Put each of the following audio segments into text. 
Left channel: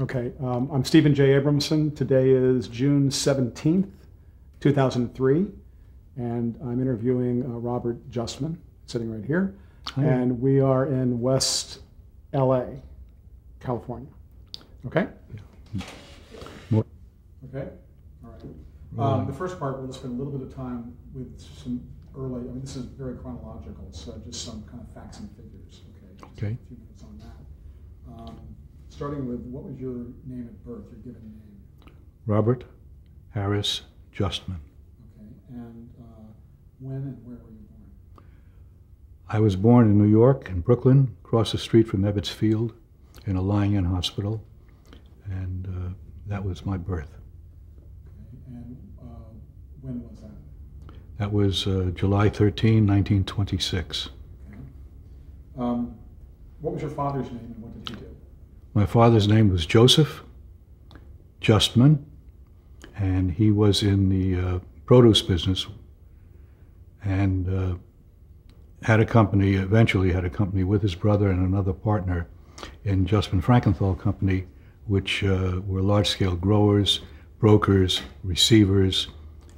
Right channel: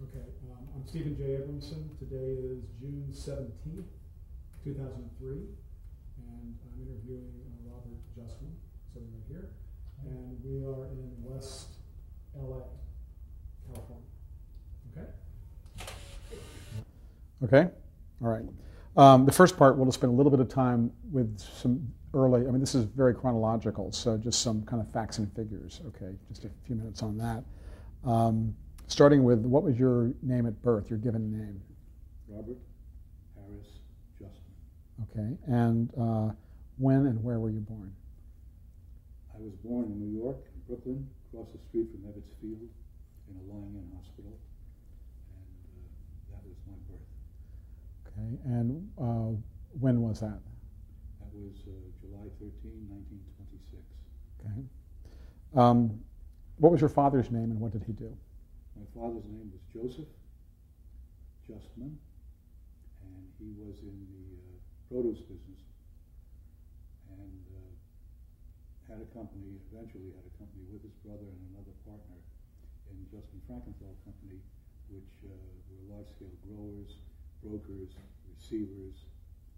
Okay, I'm Stephen J. Abramson. Today is June 17th, 2003, and I'm interviewing Robert Justman, sitting right here. Hi. And we are in West LA, California. Okay? Okay? All right. The first part, we'll spend a little bit of time with some this is very chronological, so just some kind of facts and figures, okay? Just Okay. a few minutes on that. Starting with, what was your name at birth, your given name? Robert Harris Justman. Okay, and when and where were you born? I was born in New York, in Brooklyn, across the street from Ebbets Field, in a lying-in hospital, and that was my birth. Okay, and when was that? That was July 13, 1926. Okay. What was your father's name and what did he do? My father's name was Joseph Justman, and he was in the produce business and eventually had a company with his brother and another partner in Justman Frankenthal Company, which were large-scale growers, brokers, receivers,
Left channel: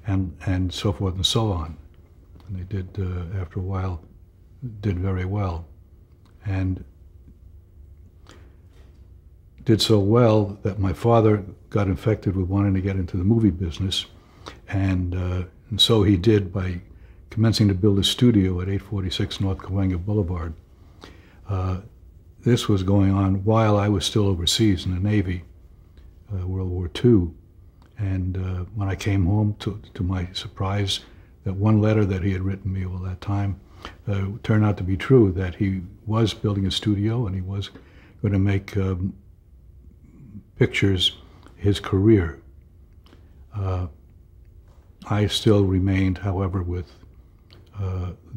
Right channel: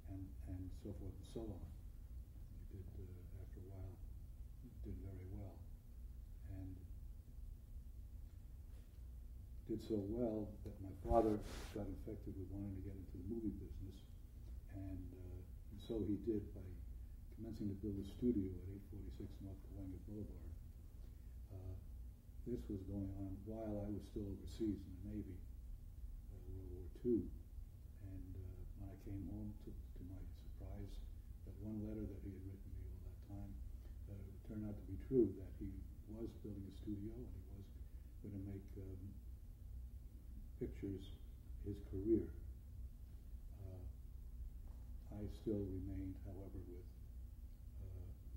and so forth and so on. And they did, after a while, did very well. And did so well that my father got infected with wanting to get into the movie business, and so he did by commencing to build a studio at 846 North Cahuenga Boulevard. This was going on while I was still overseas in the Navy, World War II. And when I came home, to my surprise, that one letter that he had written me all that time turned out to be true, that he was building a studio and he was going to make pictures his career. I still remained, however, with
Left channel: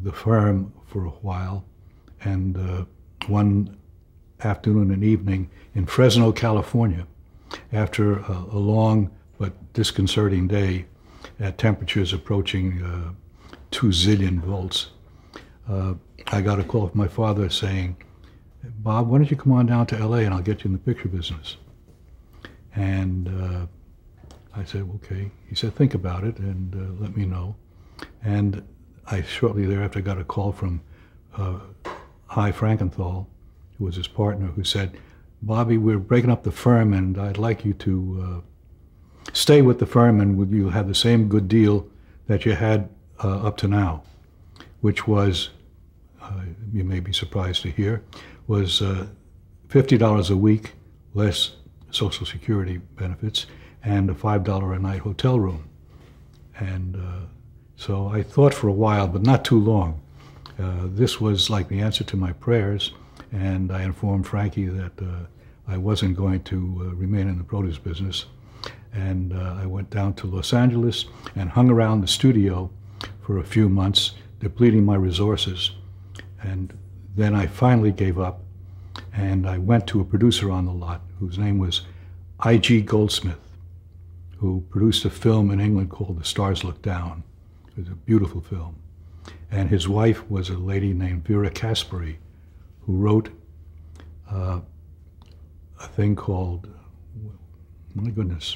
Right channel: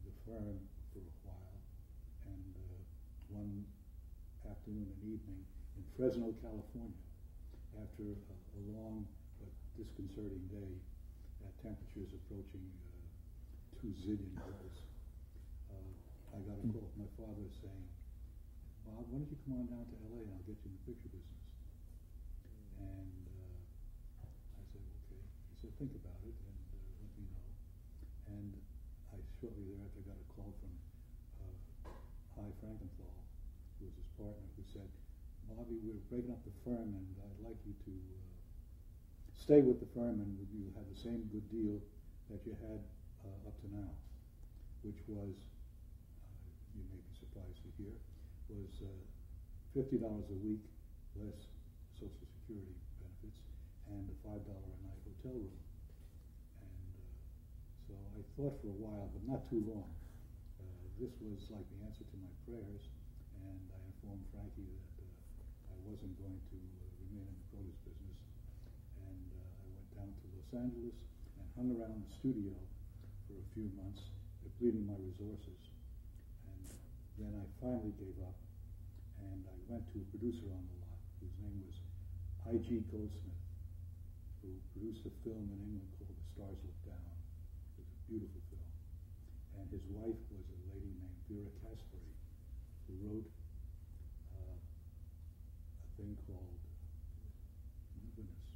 the firm for a while, and one afternoon and evening in Fresno, California, after a long but disconcerting day at temperatures approaching 2 zillion volts, I got a call from my father saying, "Bob, why don't you come on down to LA and I'll get you in the picture business?" And I said, okay. He said, think about it and let me know. And I shortly thereafter got a call from Hy Frankenthal, who was his partner, who said, "Bobby, we're breaking up the firm and I'd like you to stay with the firm and you'll have the same good deal that you had up to now," which was, you may be surprised to hear, was $50 a week, less Social Security benefits, and a $5 a night hotel room. And so I thought for a while, but not too long. This was like the answer to my prayers, and I informed Frankie that I wasn't going to remain in the produce business. And I went down to Los Angeles and hung around the studio for a few months, depleting my resources. And then I finally gave up, and I went to a producer on the lot whose name was I.G. Goldsmith, who produced a film in England called The Stars Look Down. It was a beautiful film. And his wife was a lady named Vera Caspary, who wrote a thing called, my goodness,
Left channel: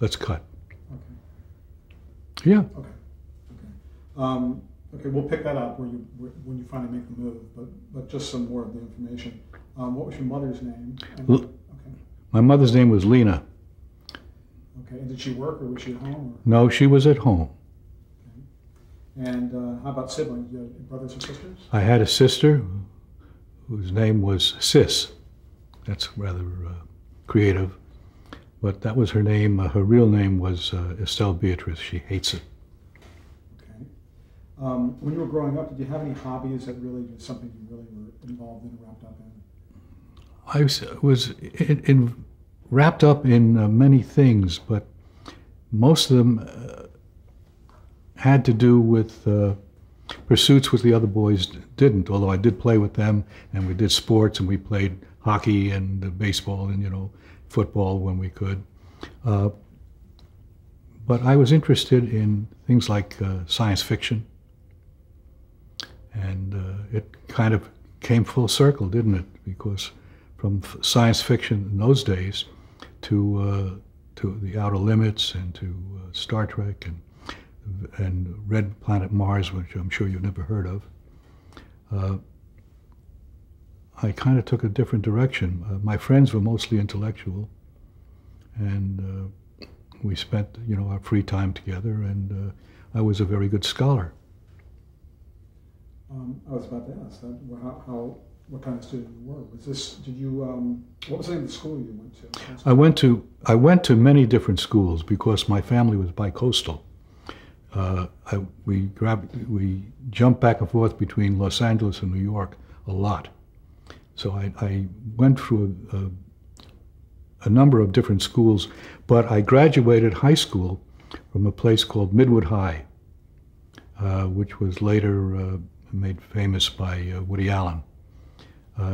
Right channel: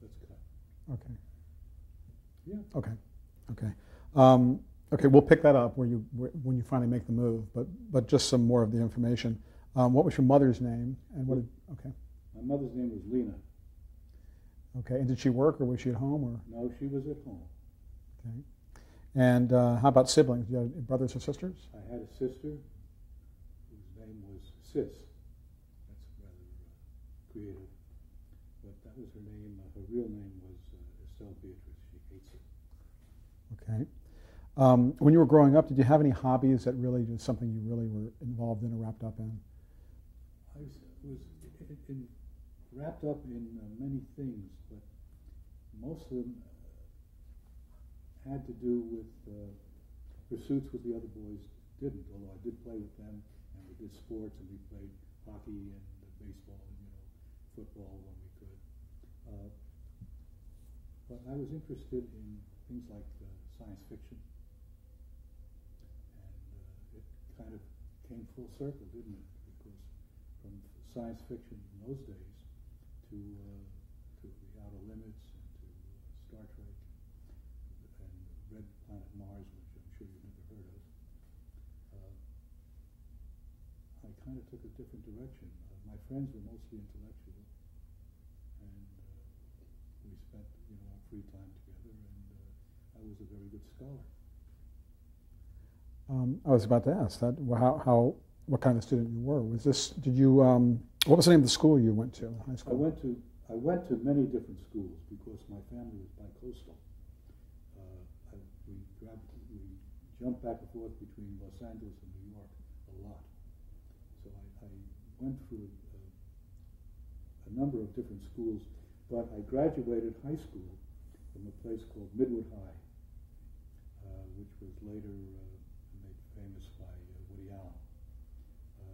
let's cut. Okay. Yeah. Okay. Okay. Okay, we'll pick that up when you finally make the move, but just some more of the information. What was your mother's name? Okay. My mother's name was Lena. Okay, and did she work or was she at home? Or? No, she was at home. Okay. And how about siblings? Do you have brothers and sisters? I had a sister whose name was Sis. That's rather creative, but that was her name. Her real name was Estelle Beatrice. She hates it. Okay. When you were growing up, did you have any hobbies that really was something you really were involved in or wrapped up in? I was wrapped up in many things, but most of them had to do with pursuits which the other boys didn't, although I did play with them, and we did sports, and we played hockey and baseball and, football when we could. But I was interested in things like science fiction, and it kind of came full circle, didn't it? Because from science fiction in those days to the Outer Limits and to Star Trek and Red Planet Mars, which I'm sure you've never heard of. I kind of took a different direction. My friends were mostly intellectual, and we spent, our free time together, and I was a very good scholar. I was about to ask that. What kind of student you were? What was the name of the school you went to? I went to many different schools because my family was bi-coastal. We jumped back and forth between Los Angeles and New York a lot. So I went through a number of different schools, but I graduated high school from a place called Midwood High, which was later made famous by Woody Allen.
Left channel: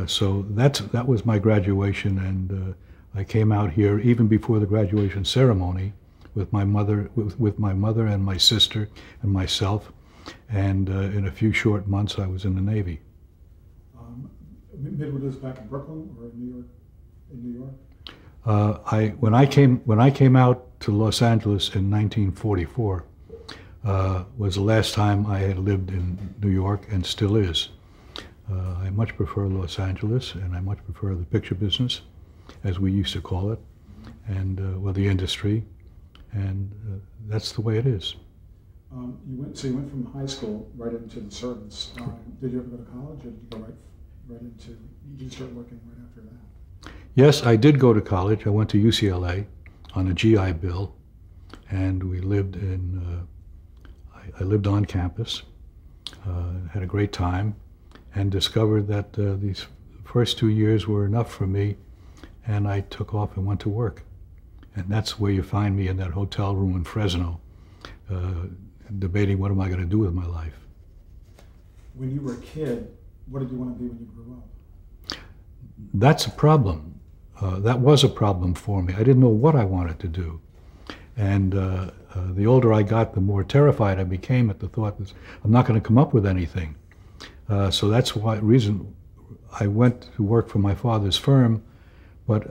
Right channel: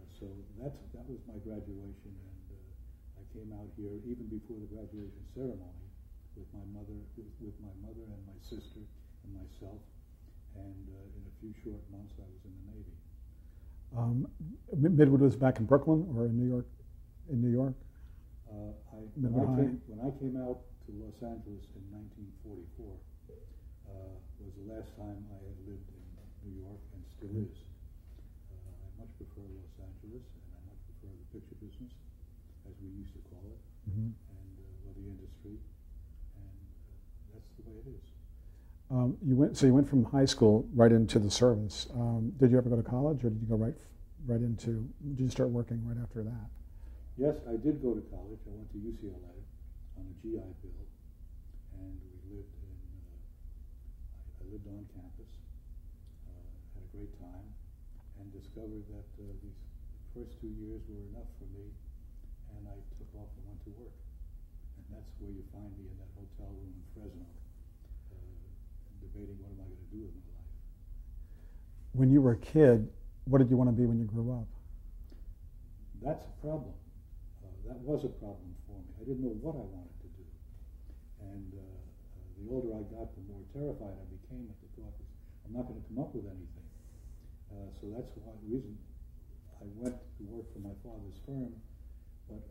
So that was my graduation, and I came out here even before the graduation ceremony with my mother and my sister and myself, and in a few short months I was in the Navy. Midwood was back in Brooklyn or in New York? In New York. When I came out to Los Angeles in 1944, was the last time I had lived in New York, and still is. I much prefer Los Angeles, and I much prefer the picture business, as we used to call it, and the industry, and that's the way it is. You went from high school right into the service. Did you ever go to college, or did you go right into? Did you start working right after that? Yes, I did go to college. I went to UCLA on a GI Bill, and we lived in. I lived on campus, had a great time, and discovered that these first 2 years were enough for me, and I took off and went to work. And that's where you find me, in that hotel room in Fresno, debating what am I going to do with my life. When you were a kid, what did you want to be when you grew up? That's a problem. That was a problem for me. I didn't know what I wanted to do. And the older I got, the more terrified I became at the thought that I'm not going to come up with anything. So that's why reason I went to work for my father's firm, but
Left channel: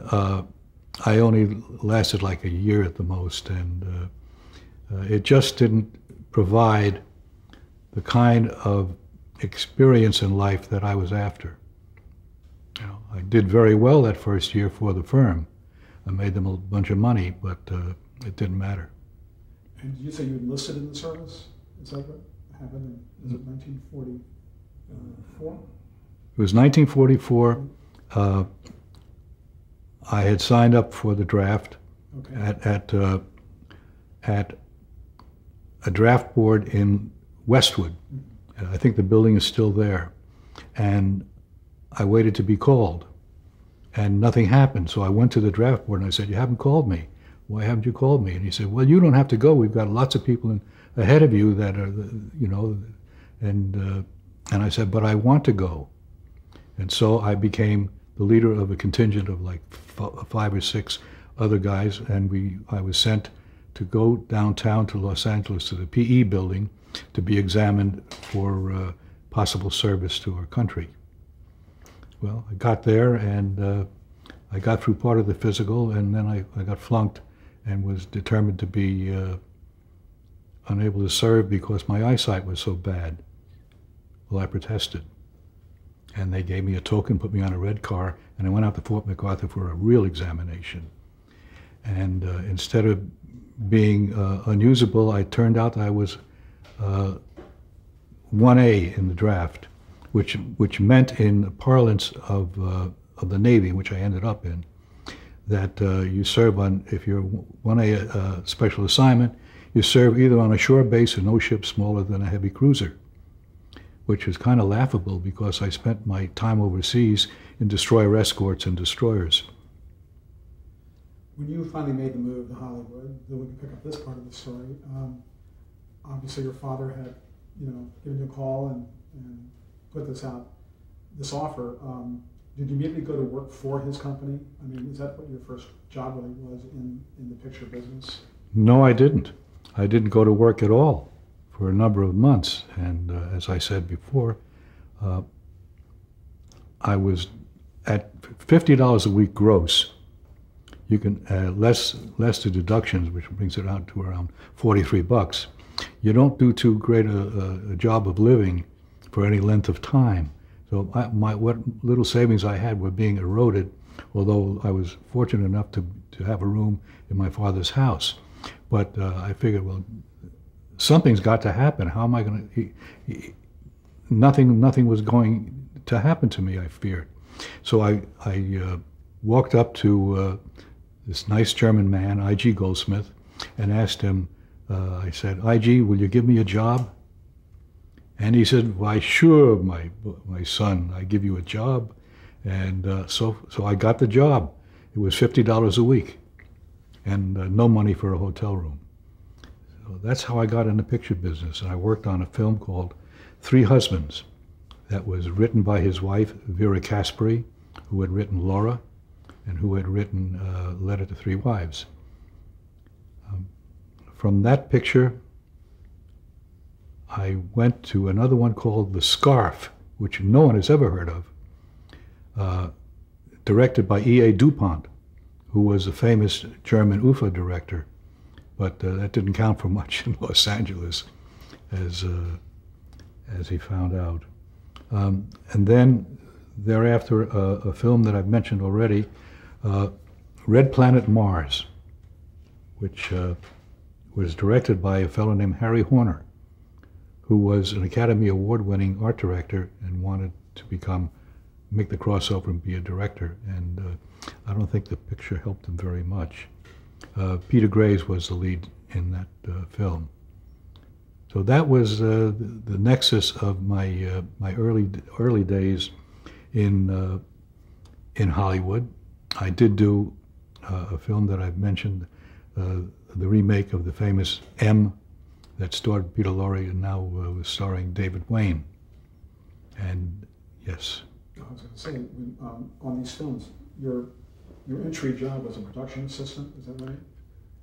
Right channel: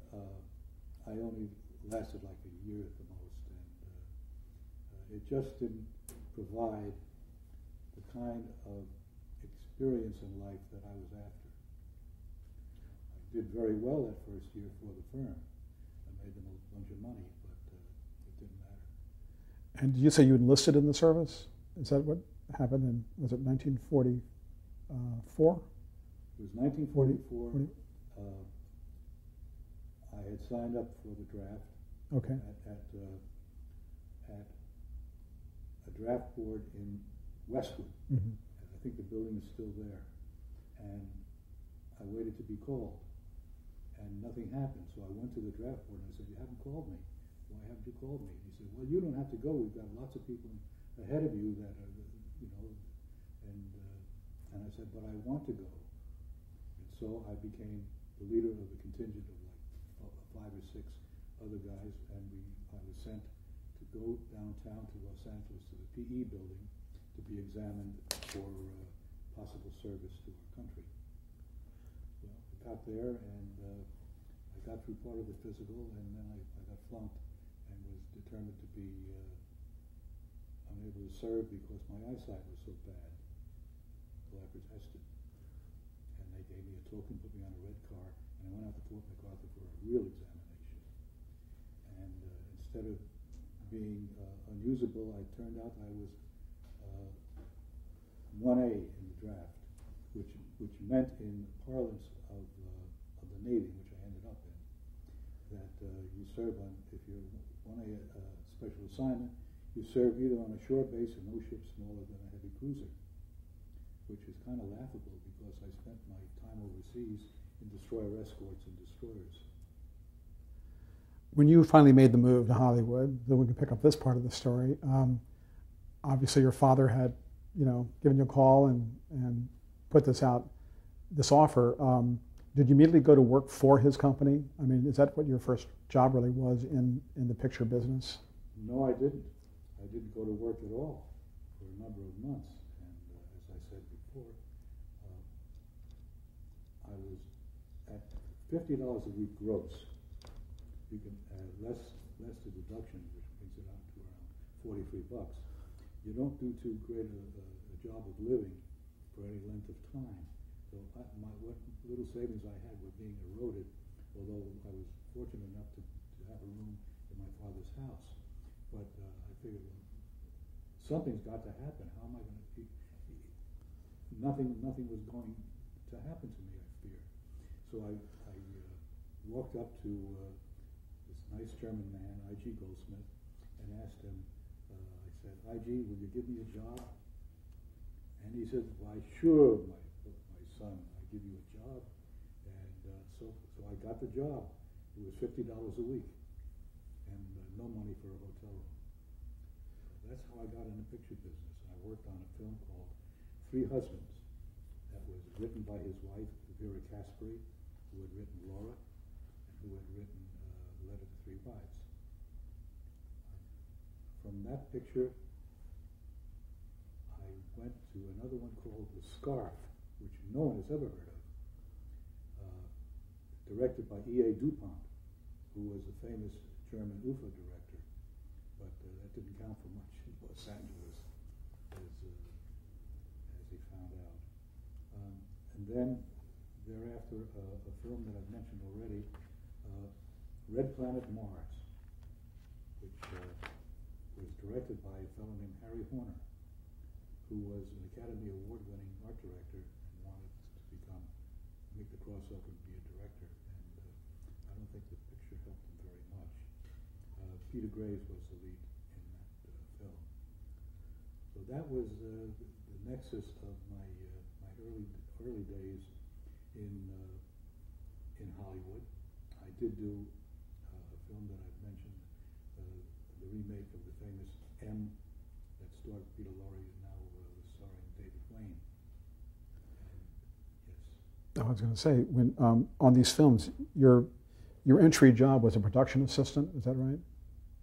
I only lasted like a year at the most, and it just didn't provide the kind of experience in life that I was after. I did very well that first year for the firm. I made them a bunch of money, but it didn't matter. And did you say you enlisted in the service? Is that what happened was it 1944? It was 1944. I had signed up for the draft at a draft board in Westwood. I think the building is still there. And I waited to be called, and nothing happened. So I went to the draft board and I said, "You haven't called me. Why haven't you called me?" And he said, "Well, you don't have to go. We've got lots of people ahead of you that are, and I said, "But I want to go." And so I became the leader of a contingent of like 5 or 6 other guys, and I was sent to go downtown to Los Angeles to the PE building to be examined for possible service to our country. Well, I got there, and I got through part of the physical, and then I got flunked and was determined to be unable to serve because my eyesight was so bad. Well, I protested, and they gave me a token, put me on a red car, and I went out to Fort MacArthur for a real examination. And instead of being unusable, I turned out I was 1A in the draft, which meant, in the parlance of the Navy, which I ended up in, that you serve on, if you're 1A special assignment, you serve either on a shore base or no ship smaller than a heavy cruiser, which is kind of laughable because I spent my time overseas in destroyer escorts and destroyers. When you finally made the move to Hollywood, then we can pick up this part of the story. Obviously, your father had, given you a call and put this offer. Did you immediately go to work for his company? I mean, is that what your first job really was in the picture business? No, I didn't. I didn't go to work at all for a number of months. And as I said before, I was at $50 a week gross. You can less the deductions, which brings it out to around 43 bucks. You don't do too great a job of living for any length of time. So what little savings I had were being eroded, although I was fortunate enough to have a room in my father's house. But I figured, well, something's got to happen. How am I going to? Nothing was going to happen to me, I feared. So I walked up to this nice German man, I.G. Goldsmith, and asked him, I said, I.G., will you give me a job? And he said, why, sure, my son, I give you a job. And so I got the job. It was $50 a week and no money for a hotel room. So that's how I got in the picture business. And I worked on a film called Three Husbands that was written by his wife, Vera Caspary, who had written Laura and who had written Letter to Three Wives. From that picture, I went to another one called The Scarf, which no one has ever heard of, directed by E.A. Dupont, who was a famous German UFA director, but that didn't count for much in Los Angeles, as he found out. And then thereafter, a film that I've mentioned already, Red Planet Mars, which was directed by a fellow named Harry Horner, who was an Academy Award-winning art director and wanted to make the crossover and be a director. And I don't think the picture helped him very much. Peter Graves was the lead in that film. So that was the nexus of my early days in Hollywood. I did do a film that I've mentioned, the remake of the famous M, that starred Peter Lorre and now was starring David Wayne. And yes. I was going to say, when, on these films, your entry job was a production assistant, is that right?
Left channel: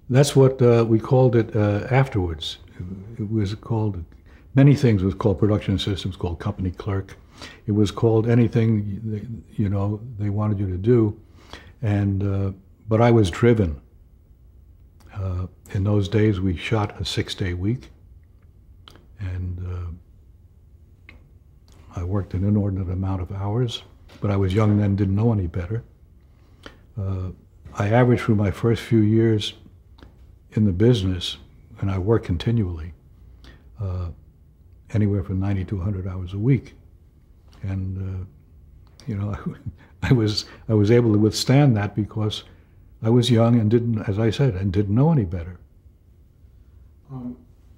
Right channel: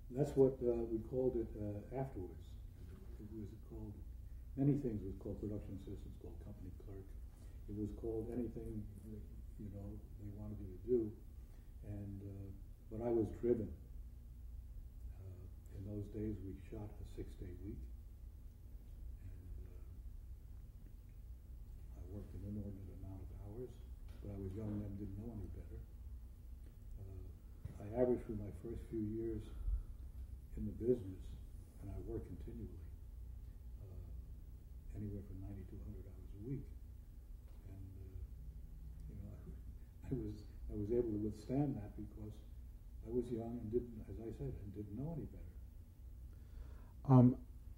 That's what we called it afterwards. It was called, many things was called production assistants, called company clerk. It was called anything, they wanted you to do. And, but I was driven. In those days, we shot a 6-day week. And I worked an inordinate amount of hours, but I was young then, didn't know any better. I averaged through my first few years in the business, and I worked continually, anywhere from 90 to 100 hours a week. And, I was able to withstand that because I was young and didn't, as I said, and didn't know any better.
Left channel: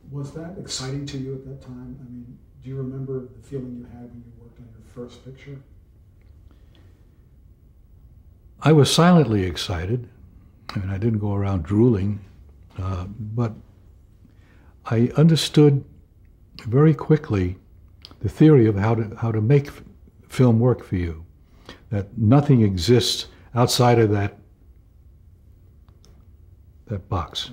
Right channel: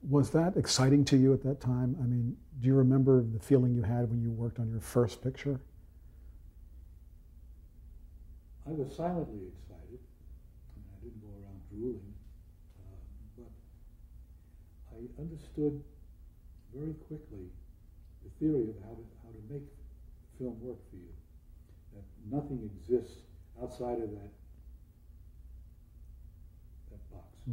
Was that exciting to you at that time? I mean, do you remember the feeling you had when you worked on your first picture? I was silently excited. I mean, I didn't go around drooling, but I understood very quickly the theory of how to make film work for you. That nothing exists outside of that box.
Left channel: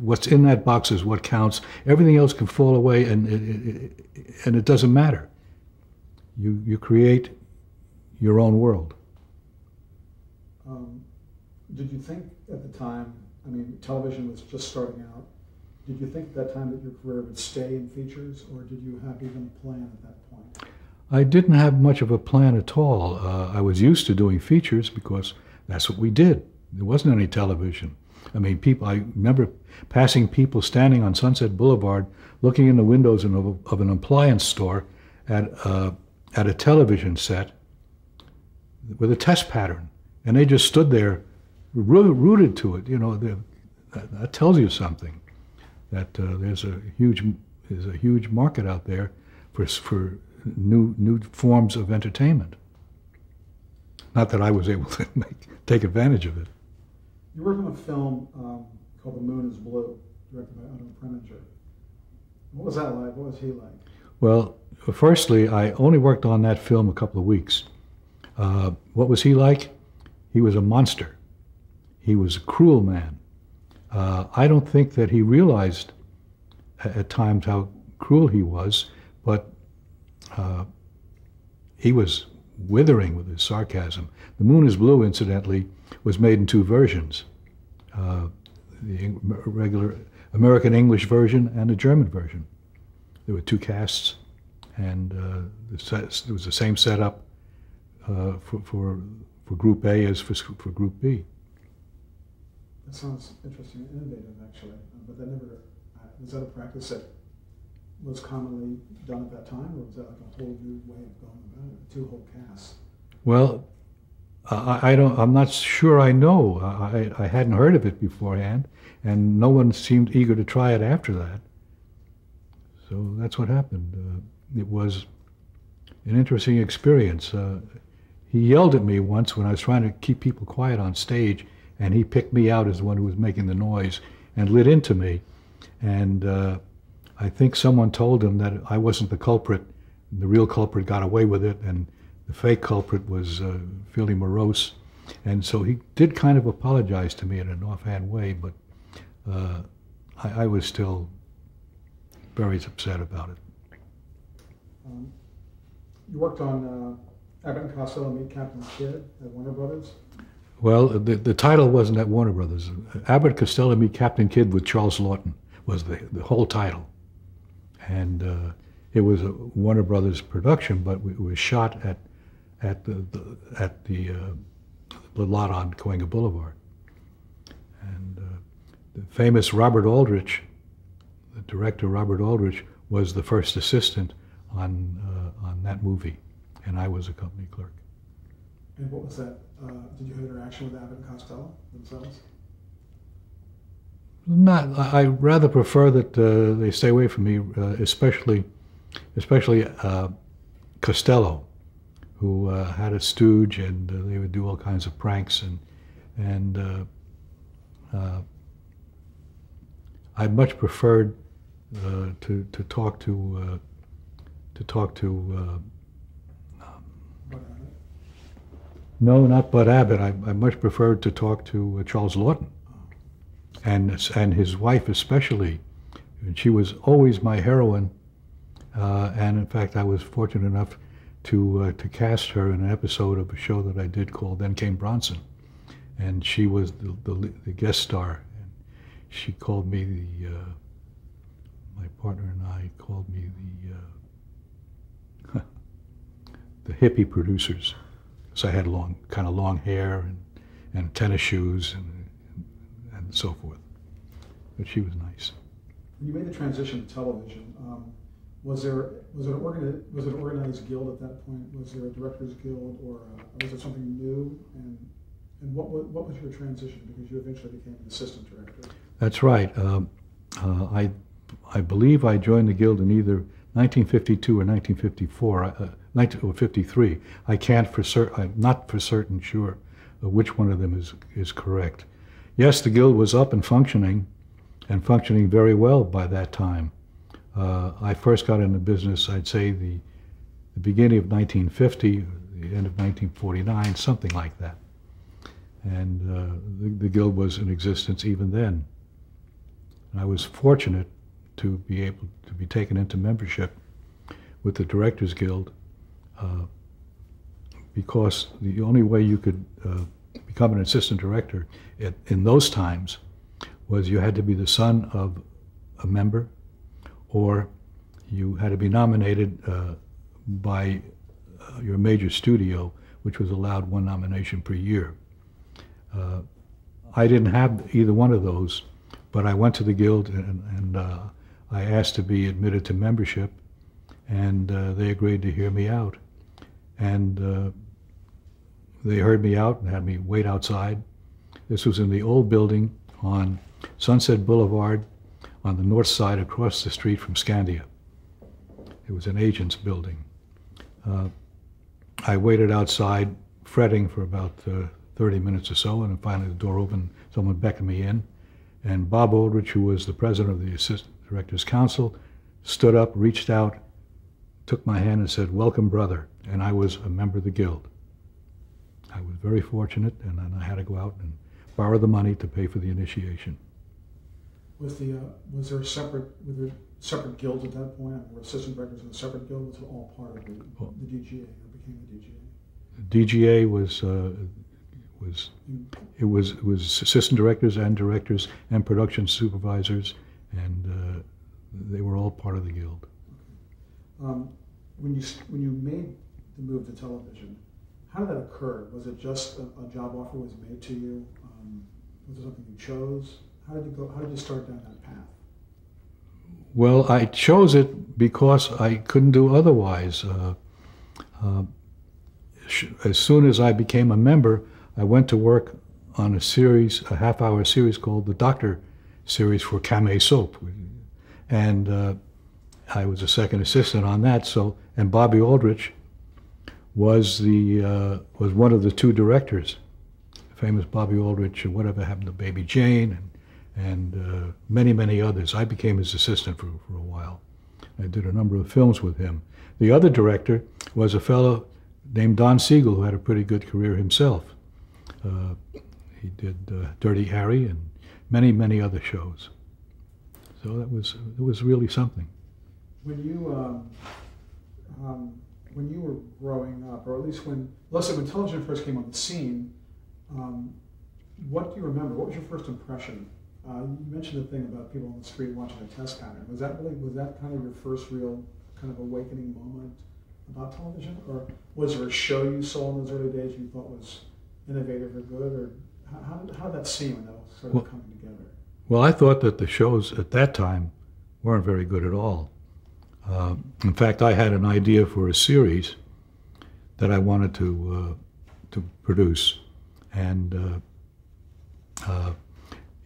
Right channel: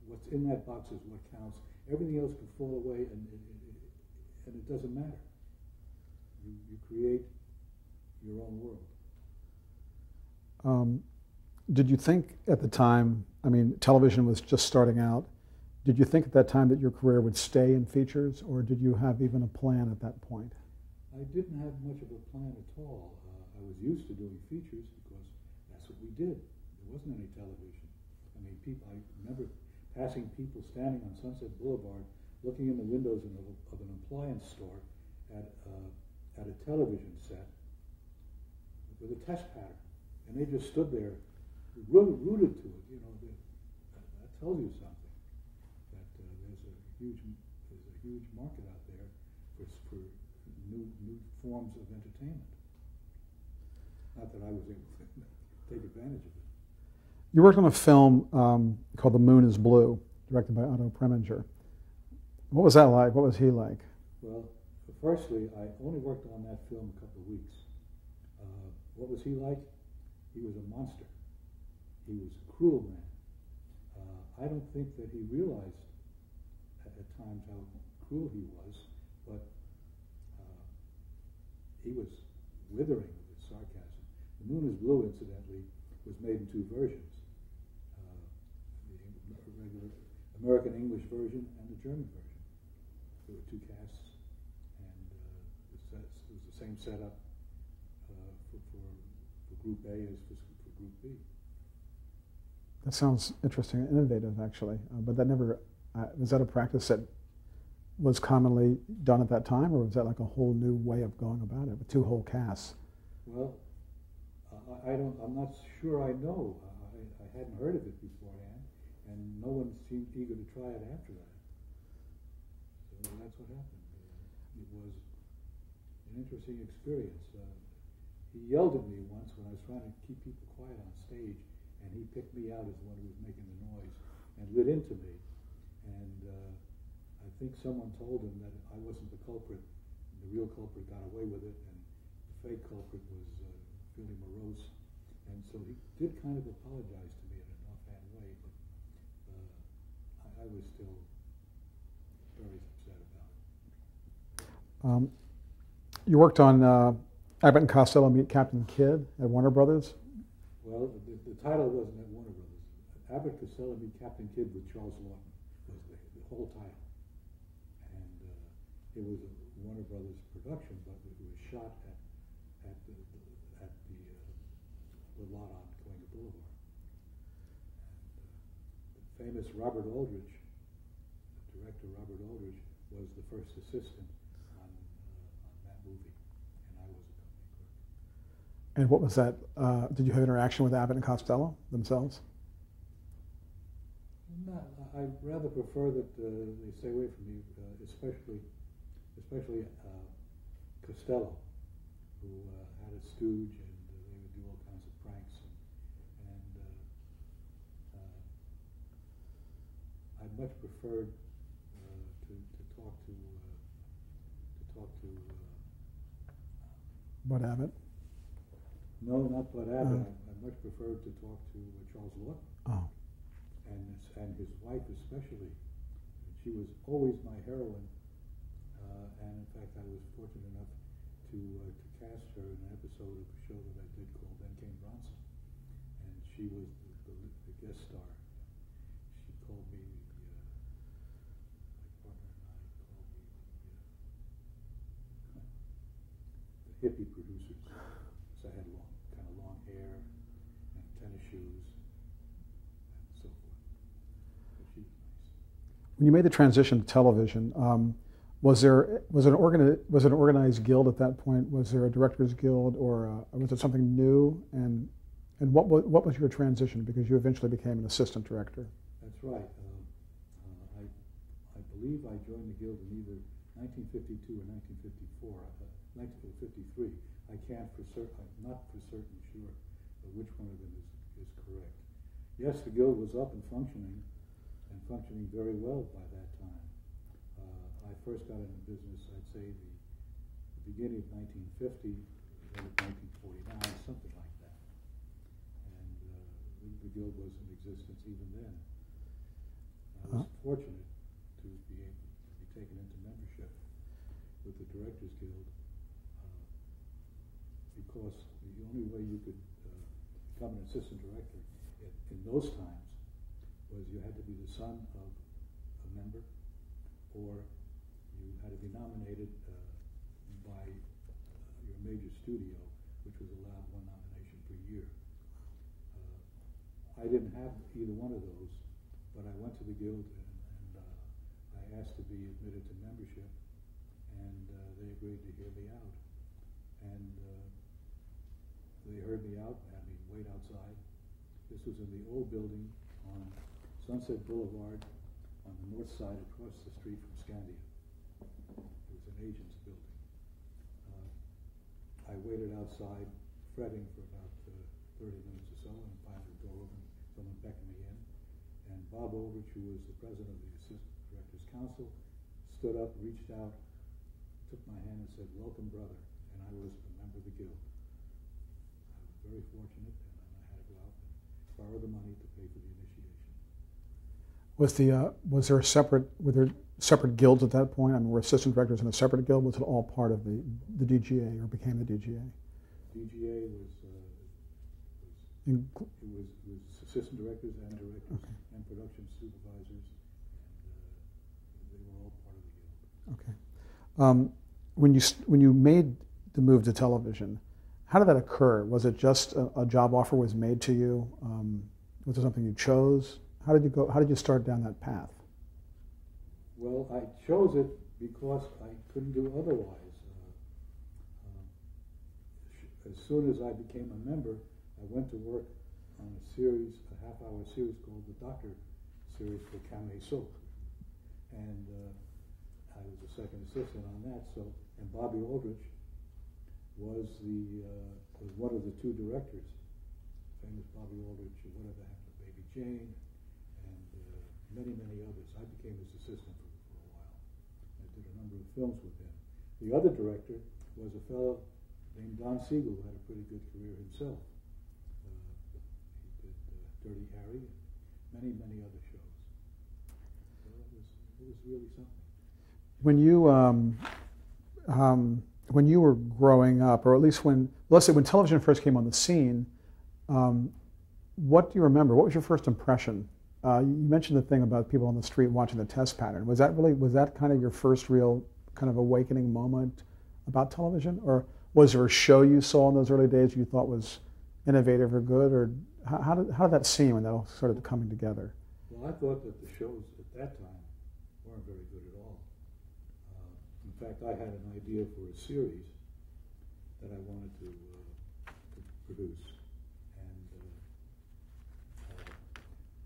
What's in that box is what counts. Everything else can fall away, and it doesn't matter. You create your own world. Did you think at the time, I mean, television was just starting out, did you think at that time that your career would stay in features, or did you have even a plan at that point? I didn't have much of a plan at all. I was used to doing features because that's what we did. There wasn't any television. I mean, I remember passing people standing on Sunset Boulevard looking in the windows of an appliance store at a television set with a test pattern. And they just stood there rooted to it. That tells you something, that there's a huge market out there for new forms of entertainment. Not that I was able to take advantage of it. You worked on a film called The Moon is Blue, directed by Otto Preminger. What was that like? What was he like? Well, firstly, I only worked on that film a couple of weeks. What was he like? He was a monster. He was a cruel man. I don't think that he realized at times how cruel he was, but he was withering with his sarcasm. The Moon is Blue, incidentally, was made in two versions, the regular American English version and the German version. There were two casts, and it was the same setup for Group A as for Group B. That sounds interesting and innovative, actually. But that never, was that a practice that was commonly done at that time, or was that like a whole new way of going about it, with two whole casts? Well, I'm not sure I know. I hadn't heard of it beforehand, and no one seemed eager to try it after that. So that's what happened. It was an interesting experience. He yelled at me once when I was trying to keep people quiet on stage, and he picked me out as the one who was making the noise and lit into me. And I think someone told him that I wasn't the culprit. The real culprit got away with it, and the fake culprit was fairly morose. And so he did kind of apologize to me in an offhand way, but I was still very upset about it. You worked on Abbott and Costello Meet Captain Kidd at Warner Brothers? Well, the title wasn't at Warner Brothers. Abbott Costello Meet Captain Kidd with Charles Lawton was the whole title. And it was a Warner Brothers production, but it was shot at the lot on Cahuenga Boulevard. And the famous Robert Aldrich, the director Robert Aldrich, was the first assistant on that movie, and I was a company clerk. And what was that? Did you have interaction with Abbott and Costello themselves? Not. I rather prefer that they stay away from me, especially Costello, who had a stooge, and they would do all kinds of pranks, and I much preferred to talk to Bud Abbott? No, not Bud Abbott. I much preferred to talk to Charles Lawton. Oh. And his wife especially. And she was always my heroine. And in fact, I was fortunate enough to cast her in an episode of a show that I did called Then Came Bronson. And she was the guest star. And she called me my partner and I called me the hippie producers. So I had kind of long hair and tennis shoes and so forth. But she was nice. When you made the transition to television, was it an organized guild at that point? Was there a directors guild, or was it something new? And what was your transition? Because you eventually became an assistant director. That's right. I believe I joined the guild in either 1952 or 1954. 1953. I can't for certain. I'm not for certain sure which one of them is correct. Yes, the guild was up and functioning very well by that time. I first got into business, I'd say, the beginning of 1950, the end of 1949, something like that. And the guild was in existence even then. I was fortunate to be able to be taken into membership with the Directors Guild, because the only way you could become an assistant director in those times was you had to be the son of a member, or you had to be nominated by your major studio, which was allowed one nomination per year. I didn't have either one of those, but I went to the guild and I asked to be admitted to membership, and they agreed to hear me out. And they heard me out and had me wait outside. This was in the old building on Sunset Boulevard on the north side across the street from Scandia. It was an agent's building. I waited outside fretting for about 30 minutes or so, and then finally the door opened, someone beckoned me in, and Bob Aldrich, who was the president of the Assistant Directors Council, stood up, reached out, took my hand and said, "Welcome, brother," and I was a member of the guild. I was very fortunate, and then I had to go out and borrow the money to pay for the initiation. Was there a separate, were there separate guilds at that point? I mean, were assistant directors in a separate guild? Was it all part of the DGA or became the DGA? DGA was assistant directors and production supervisors, and they were all part of the guild. Okay. When you made the move to television, how did that occur? Was it just a job offer was made to you? Was it something you chose? How did you go? How did you start down that path? Well, I chose it because I couldn't do otherwise. As soon as I became a member, I went to work on a half-hour series called the Doctor series for Camé Soap, and I was a second assistant on that. So, and Bobby Aldrich was one of the two directors, famous Bobby Aldrich, and Whatever Happened to Baby Jane, and many others. I became his assistant for a while. I did a number of films with him. The other director was a fellow named Don Siegel, who had a pretty good career himself. He did Dirty Harry and many other shows. So it was really something. When you were growing up, or at least let's say when television first came on the scene, what do you remember? What was your first impression? You mentioned the thing about people on the street watching the test pattern. Was that kind of your first real kind of awakening moment about television? Or was there a show you saw in those early days you thought was innovative or good? Or how did that seem when that all started coming together? Well, I thought that the shows at that time weren't very good at all. In fact, I had an idea for a series that I wanted to produce, and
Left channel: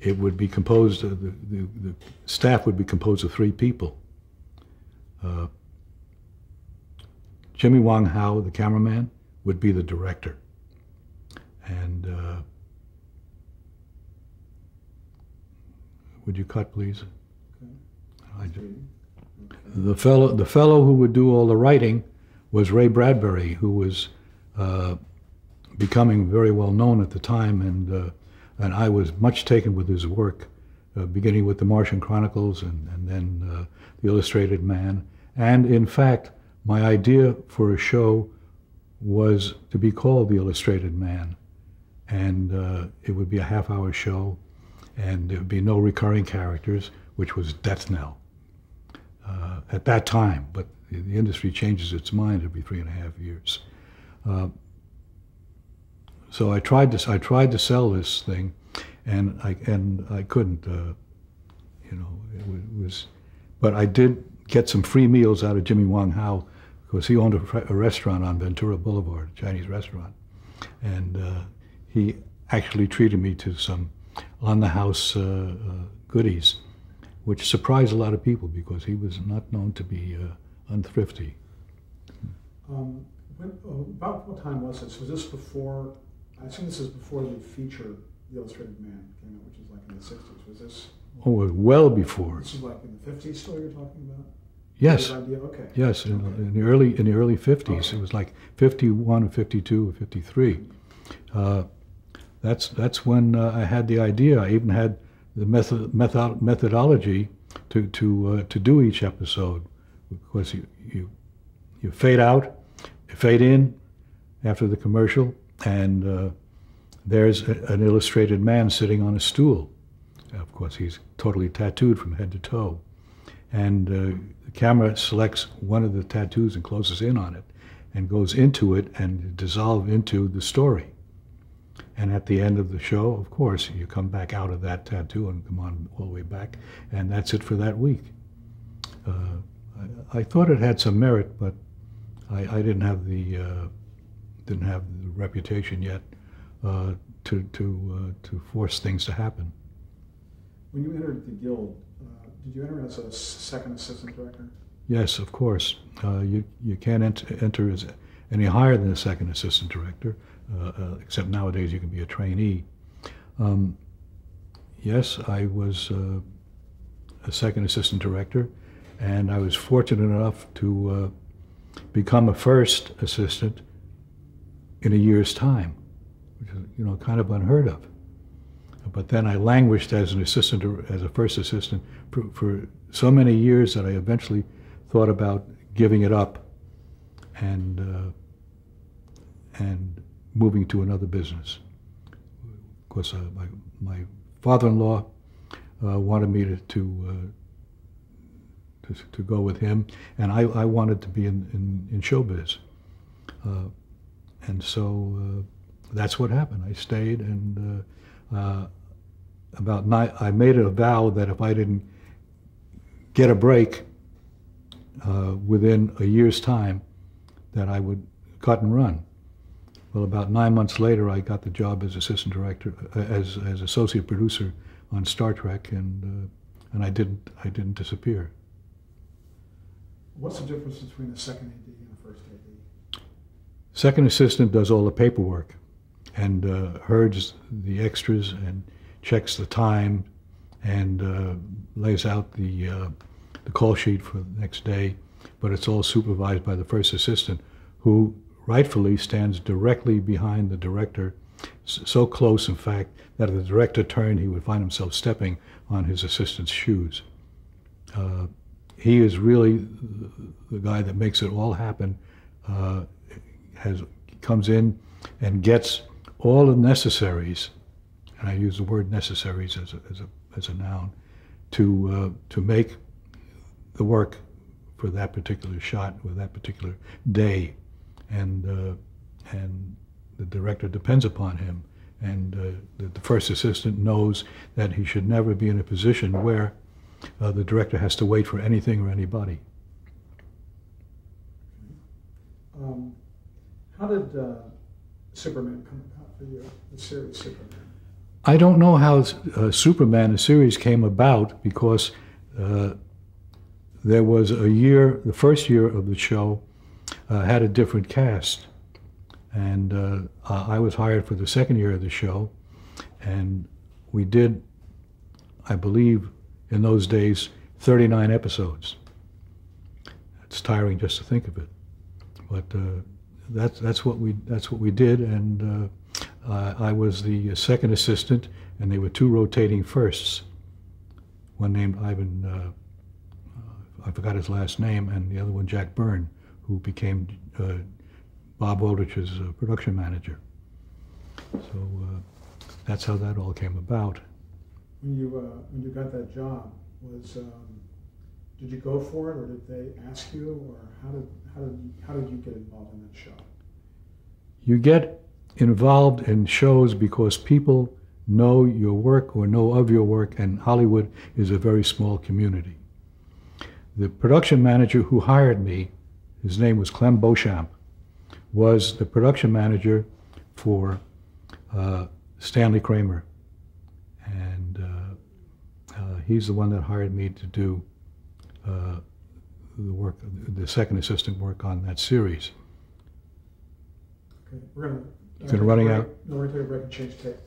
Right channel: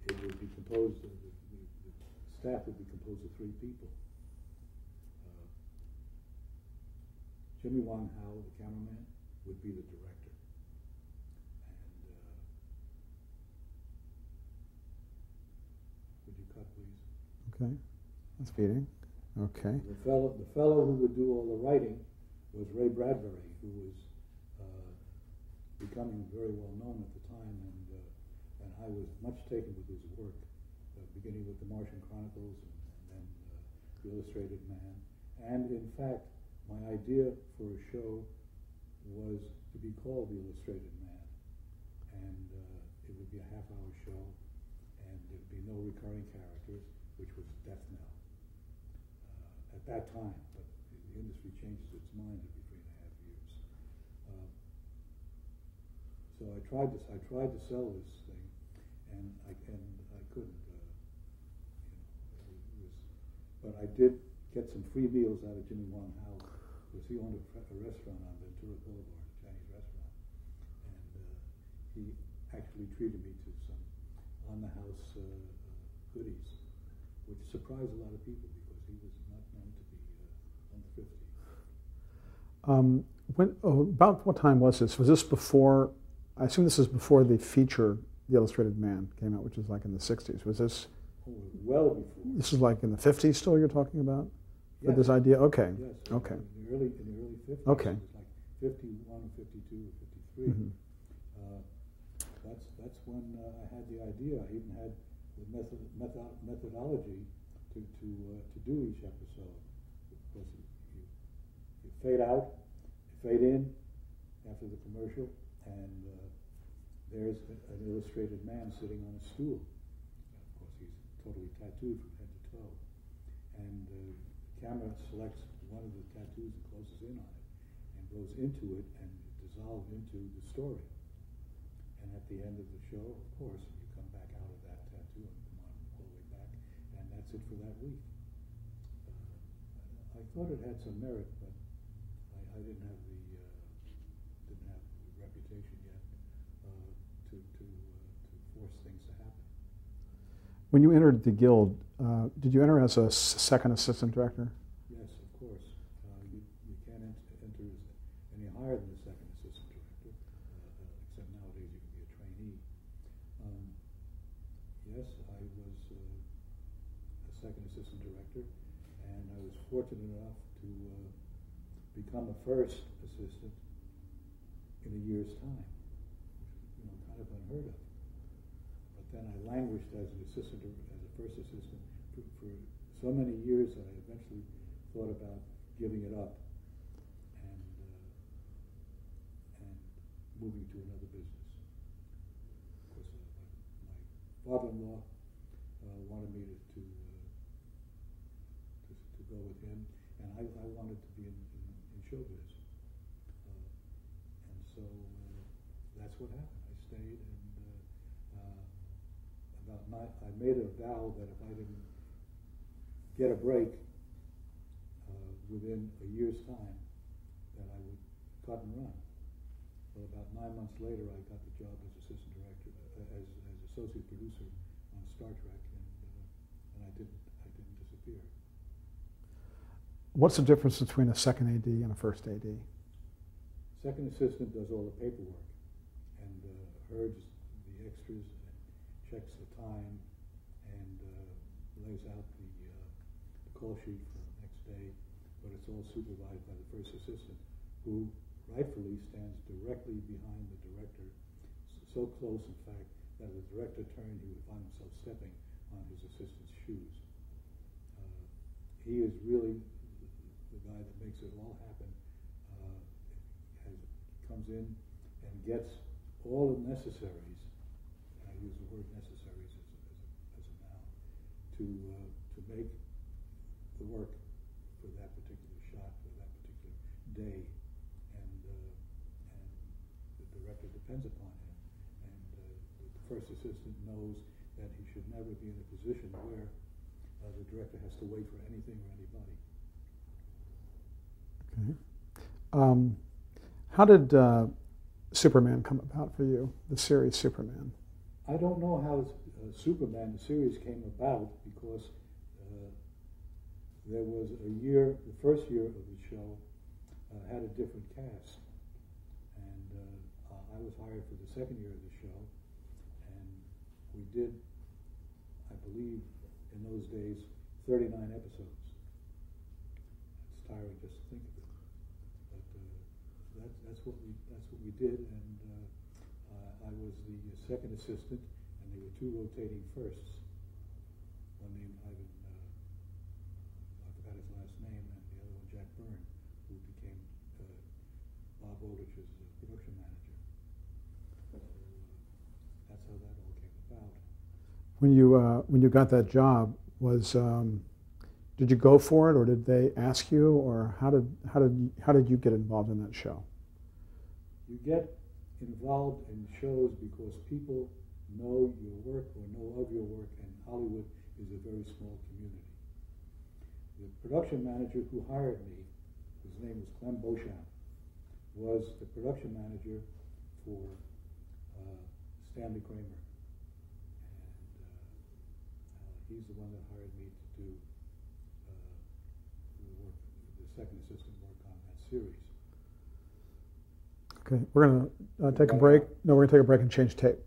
it would be composed of the staff would be composed of 3 people. Jimmy Wong Howe, the cameraman, would be the director, and would you cut, please? Okay. Okay. The fellow who would do all the writing was Ray Bradbury, who was becoming very well known at the time, and I was much taken with his work, beginning with the Martian Chronicles and then the Illustrated Man. And in fact, my idea for a show was to be called the Illustrated Man, and it would be a half-hour show, and there would be no recurring characters, which was death knell at that time. But the industry changes its mind every 3.5 years. So I tried to sell this thing, and I couldn't. It was, but I did get some free meals out of Jimmy Wong Howe, because he owned a restaurant on Ventura Boulevard, a Chinese restaurant, and he actually treated me to some on-the-house goodies, which surprised a lot of people because he was not known to be unthrifty. About what time was this? Was this before? I assume this is before the feature, The Illustrated Man, came out, which is like in the 60s. Was this? Oh, well before. This is like in the 50s still you're talking about? Yes. This idea? Okay. Yes, in the early 50s. Okay. It was like 51 or 52 or 53. That's when I had the idea. I even had the methodology to do each episode, because you fade out, you fade in after the commercial, and there's an illustrated man sitting on a stool. Of course, he's totally tattooed from head to toe, and the camera selects one of the tattoos and closes in on it, and goes into it and dissolve into the story. And at the end of the show, of course, you come back out of that tattoo and come on all the way back, and that's it for that week. I thought it had some merit, but I didn't have the reputation yet to force things to happen. When you entered the guild, did you enter as a second assistant director? Yes, of course. You can't enter as any higher than a second assistant director. Except nowadays you can be a trainee. Yes, I was a second assistant director, and I was fortunate enough to become a first assistant in a year's time, which is kind of unheard of. But then I languished as an assistant, as a first assistant, for so many years that I eventually thought about giving it up and moving to another business. Of course, my father-in-law wanted me to go with him, and I wanted to be in showbiz, and so that's what happened. I stayed, and I made it a vow that if I didn't get a break within a year's time, that I would cut and run. Well, about 9 months later, I got the job as assistant director, as associate producer on Star Trek, and I didn't disappear. What's the difference between a second AD and a first AD? Second assistant does all the paperwork and herds the extras and checks the time and lays out the call sheet for the next day, but it's all supervised by the first assistant, who rightfully stands directly behind the director, so close, in fact, that if the director turned, he would find himself stepping on his assistant's shoes. He is really the guy that makes it all happen, comes in and gets all the necessaries, and I use the word necessaries as a noun, to make the work for that particular shot or that particular day, and the director depends upon him, and the first assistant knows that he should never be in a position where the director has to wait for anything or anybody. Okay. How did Superman come about for you, the series Superman? I don't know how Superman, the series, came about, because there was a year, the first year of the show had a different cast, and I was hired for the second year of the show, and we did, I believe, in those days, 39 episodes. It's tiring just to think of it, but that's what we did, and I was the second assistant, and there were two rotating firsts. One named Ivan, I forgot his last name, and the other one Jack Byrne, who became Bob Woolrich's production manager. So that's how that all came about. When you got that job, did you go for it, or did they ask you, or how did you get involved in that show? You get involved in shows because people know your work or know of your work, and Hollywood is a very small community. The production manager who hired me, his name was Clem Beauchamp, was the production manager for Stanley Kramer, and he's the one that hired me to do the work, the second assistant work on that series. Okay, we're going to take a break. No, we're going to take a break and change tape.